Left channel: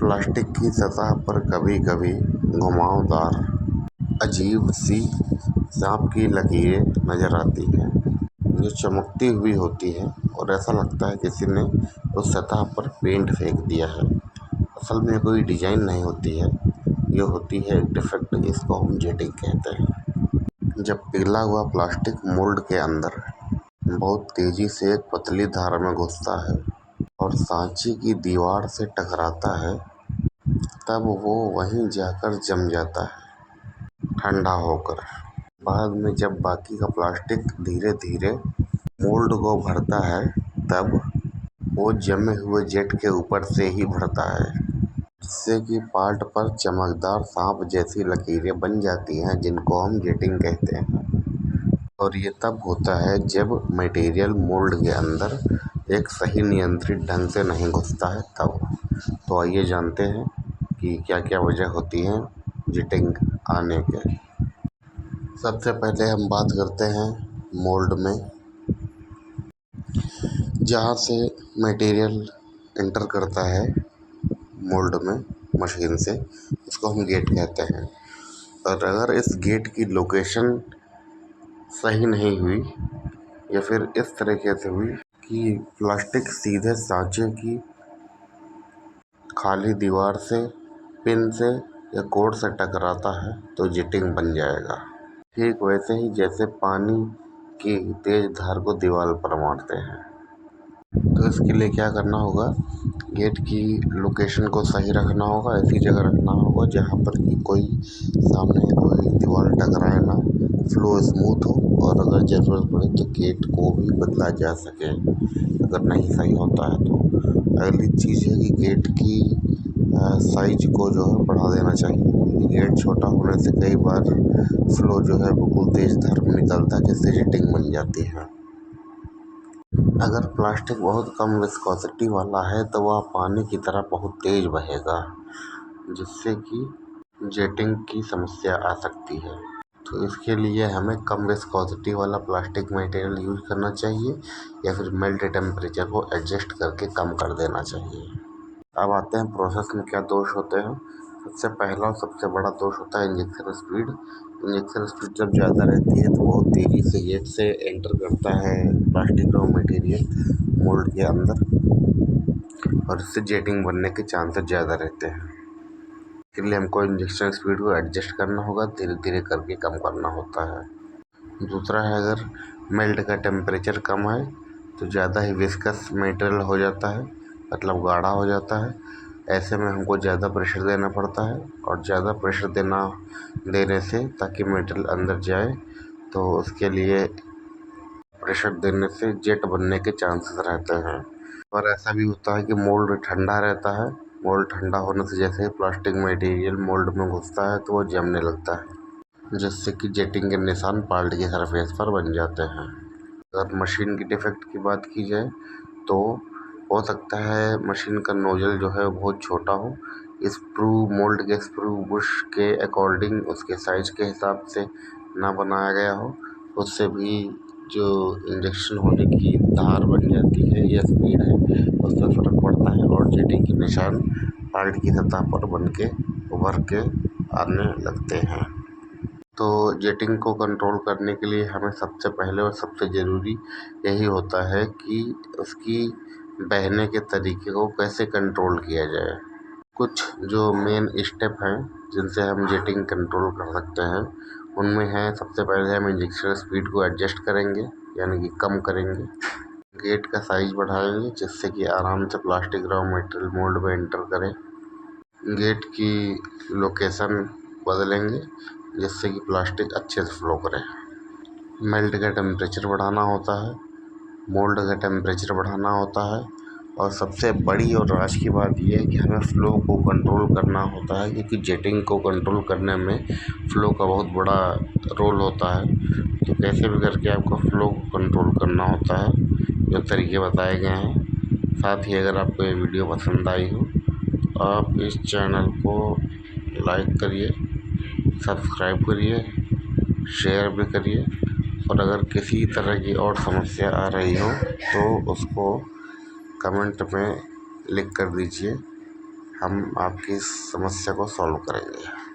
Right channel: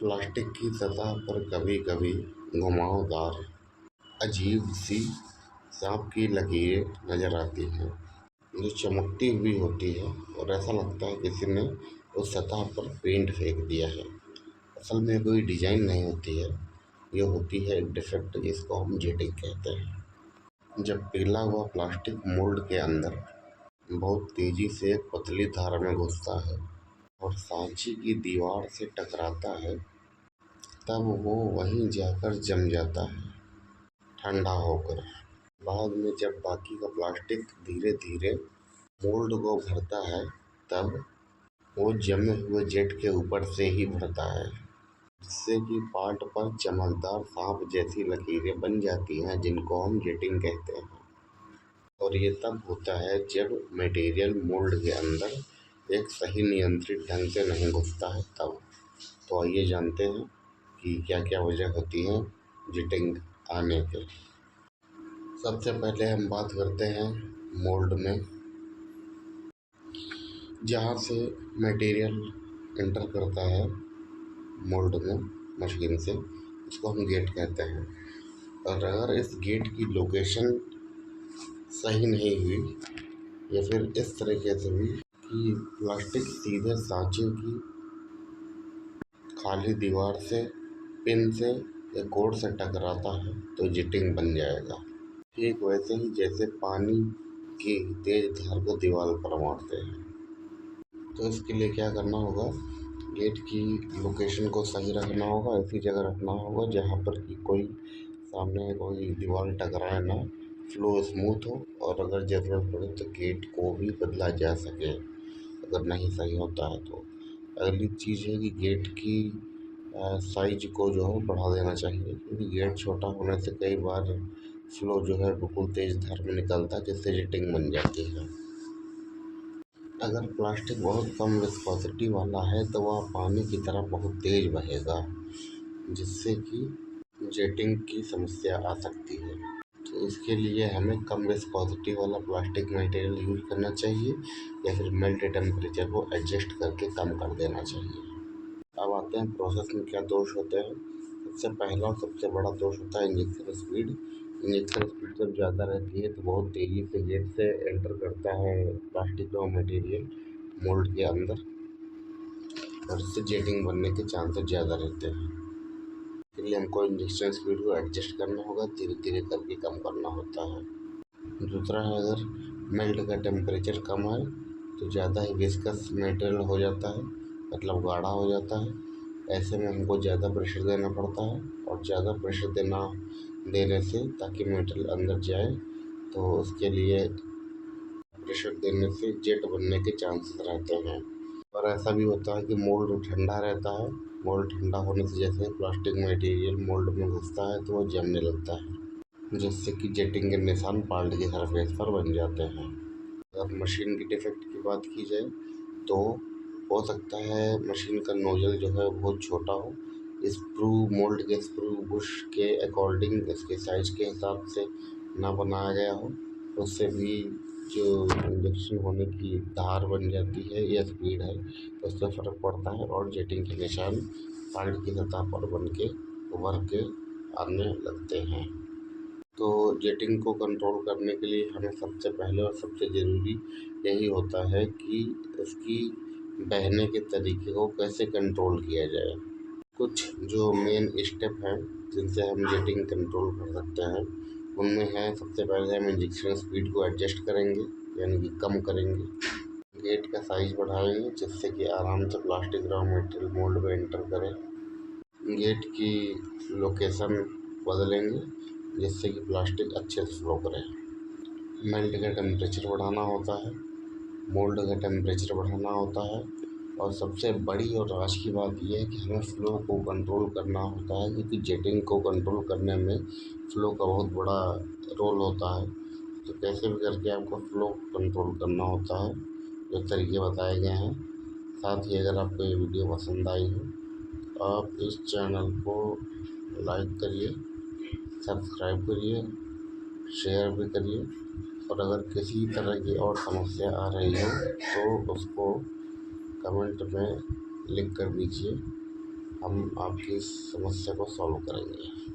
Plastic की सतह पर कभी-कभी घुमावदार, अजीब-सी सांप की लकीरें नज़र आती हैं, जो चमकती हुई होती हैं और ऐसा लगता है किसी ने उस सतह पर पेंट फेंक दिया है। असल में कोई डिज़ाइन नहीं होती है, ये होती है एक डिफेक्ट, जिसको हम जेटिंग कहते हैं। जब पिघला हुआ प्लास्टिक मोल्ड के अंदर बहुत तेज़ी से एक पतली धार में घुसता है और सांचे की दीवार से टकराता है, तब वो वहीं जाकर जम जाता है, ठंडा होकर। बाद में जब बाकी का प्लास्टिक धीरे धीरे मोल्ड को भरता है, तब वो जमे हुए जेट के ऊपर से ही भरता है, जिससे कि पार्ट पर चमकदार सांप जैसी लकीरें बन जाती हैं, जिनको हम जेटिंग कहते हैं। और ये तब होता है जब मटेरियल मोल्ड के अंदर एक सही नियंत्रित ढंग से नहीं घुसता है, तब। तो आइए जानते हैं कि क्या क्या वजह होती हैं जेटिंग आने के। सबसे पहले हम बात करते हैं मोल्ड में, जहाँ से मटेरियल एंटर करता है मोल्ड में मशीन से, इसको हम गेट कहते हैं। और अगर इस गेट की लोकेशन सही नहीं हुई या फिर इस तरीके से हुई कि प्लास्टिक सीधे सांचे की खाली दीवार से, पिन से या कोड से टकराता है, तो जेटिंग बन जाएगा। ठीक वैसे ही जैसे पानी की तेज धार को दीवार पर मारते हैं। तो इसके लिए क्या करना होगा, गेट की लोकेशन को सही रखना होगा, ऐसी जगह रखना होगा जहाँ पर कि कोई सामने कोई दीवार टकराए ना, फ्लो स्मूथ हो, और अगर ज़रूरत पड़े तो गेट को भी बदला जा सके अगर नहीं सही होता है तो। अगली चीज़ है कि गेट की साइज को जो है बढ़ा देना चाहिए। गेट छोटा होने से कई बार फ्लो जो है बिल्कुल तेज़ धार में निकलता है, जिससे जेटिंग बन जाती है। अगर प्लास्टिक बहुत कम विस्कोसिटी वाला है तो वह पानी की तरह बहुत तेज़ बहेगा, जिससे कि जेटिंग की समस्या आ सकती है। तो इसके लिए हमें कम विस्कोसिटी वाला प्लास्टिक मटेरियल यूज करना चाहिए, या फिर मेल्ट टेम्परेचर को एडजस्ट करके कम कर देना चाहिए। अब आते हैं प्रोसेस में क्या दोष होते हैं। सबसे पहला और सबसे बड़ा दोष होता है इंजेक्शन स्पीड। इंजेक्शन स्पीड जब ज़्यादा रहती है तो बहुत तेज़ी से गेट से एंटर करता है प्लास्टिक का मटेरियल मोल्ड के अंदर, और इससे जेटिंग बनने के चांसेस ज़्यादा रहते हैं। इसके लिए हमको इंजेक्शन स्पीड को एडजस्ट करना होगा, धीरे धीरे करके कम करना होता है। दूसरा है, अगर मेल्ट का टेम्परेचर कम है तो ज़्यादा ही विस्कस मटेरियल हो जाता है, मतलब गाढ़ा हो जाता है। ऐसे में हमको ज़्यादा प्रेशर देना पड़ता है, और ज़्यादा प्रेशर देने से ताकि मटेरियल अंदर जाए, तो उसके लिए प्रेशर देने से जेट बनने के चांसेस रहते हैं। और ऐसा भी होता है कि मोल्ड ठंडा रहता है। मोल्ड ठंडा होने से जैसे ही प्लास्टिक मटेरियल मोल्ड में घुसता है तो वो जमने लगता है, जिससे कि जेटिंग के निशान पार्ट की सरफेस पर बन जाते हैं। अगर मशीन की डिफेक्ट की बात की जाए तो हो सकता है मशीन का नोजल जो है बहुत छोटा हो, स्क्रू मोल्ड के स्क्रू बुश के अकॉर्डिंग उसके साइज के हिसाब से ना बनाया गया हो, उससे भी जो इंजेक्शन होने की धार बन जाती है या स्पीड है, उससे फ़र्क पड़ता है, और जेटिंग के निशान पार्ट की सतह पर बन के उभर के आने लगते हैं। तो जेटिंग को कंट्रोल करने के लिए हमें सबसे पहले और सबसे ज़रूरी यही होता है कि उसकी बहने के तरीके को कैसे कंट्रोल किया जाए। कुछ जो मेन स्टेप हैं जिनसे हम जेटिंग कंट्रोल कर सकते हैं, उनमें है, सबसे पहले हम इंजेक्शन स्पीड को एडजस्ट करेंगे, यानी कि कम करेंगे। गेट का साइज बढ़ाएंगे जिससे कि आराम से प्लास्टिक रॉ मटेरियल मोल्ड में एंटर करे। गेट की लोकेशन बदलेंगे जिससे कि प्लास्टिक अच्छे से फ्लो करे। मेल्ट का टेम्परेचर बढ़ाना होता है, मोल्ड का टेम्परेचर बढ़ाना होता है, और सबसे बड़ी और राज की बात यह है कि हमें फ़्लो को कंट्रोल करना होता है, क्योंकि जेटिंग को कंट्रोल करने में फ़्लो का बहुत बड़ा रोल होता है। तो कैसे भी करके आपको फ़्लो को कंट्रोल करना होता है, जो तरीके बताए गए हैं। साथ ही अगर आपको ये वीडियो पसंद आई हो तो आप इस चैनल को लाइक करिए, सब्सक्राइब करिए, शेयर भी करिए, और अगर किसी तरह की और समस्या आ रही हो तो उसको कमेंट में लिख कर दीजिए। हम आपकी इस समस्या को सॉल्व करेंगे।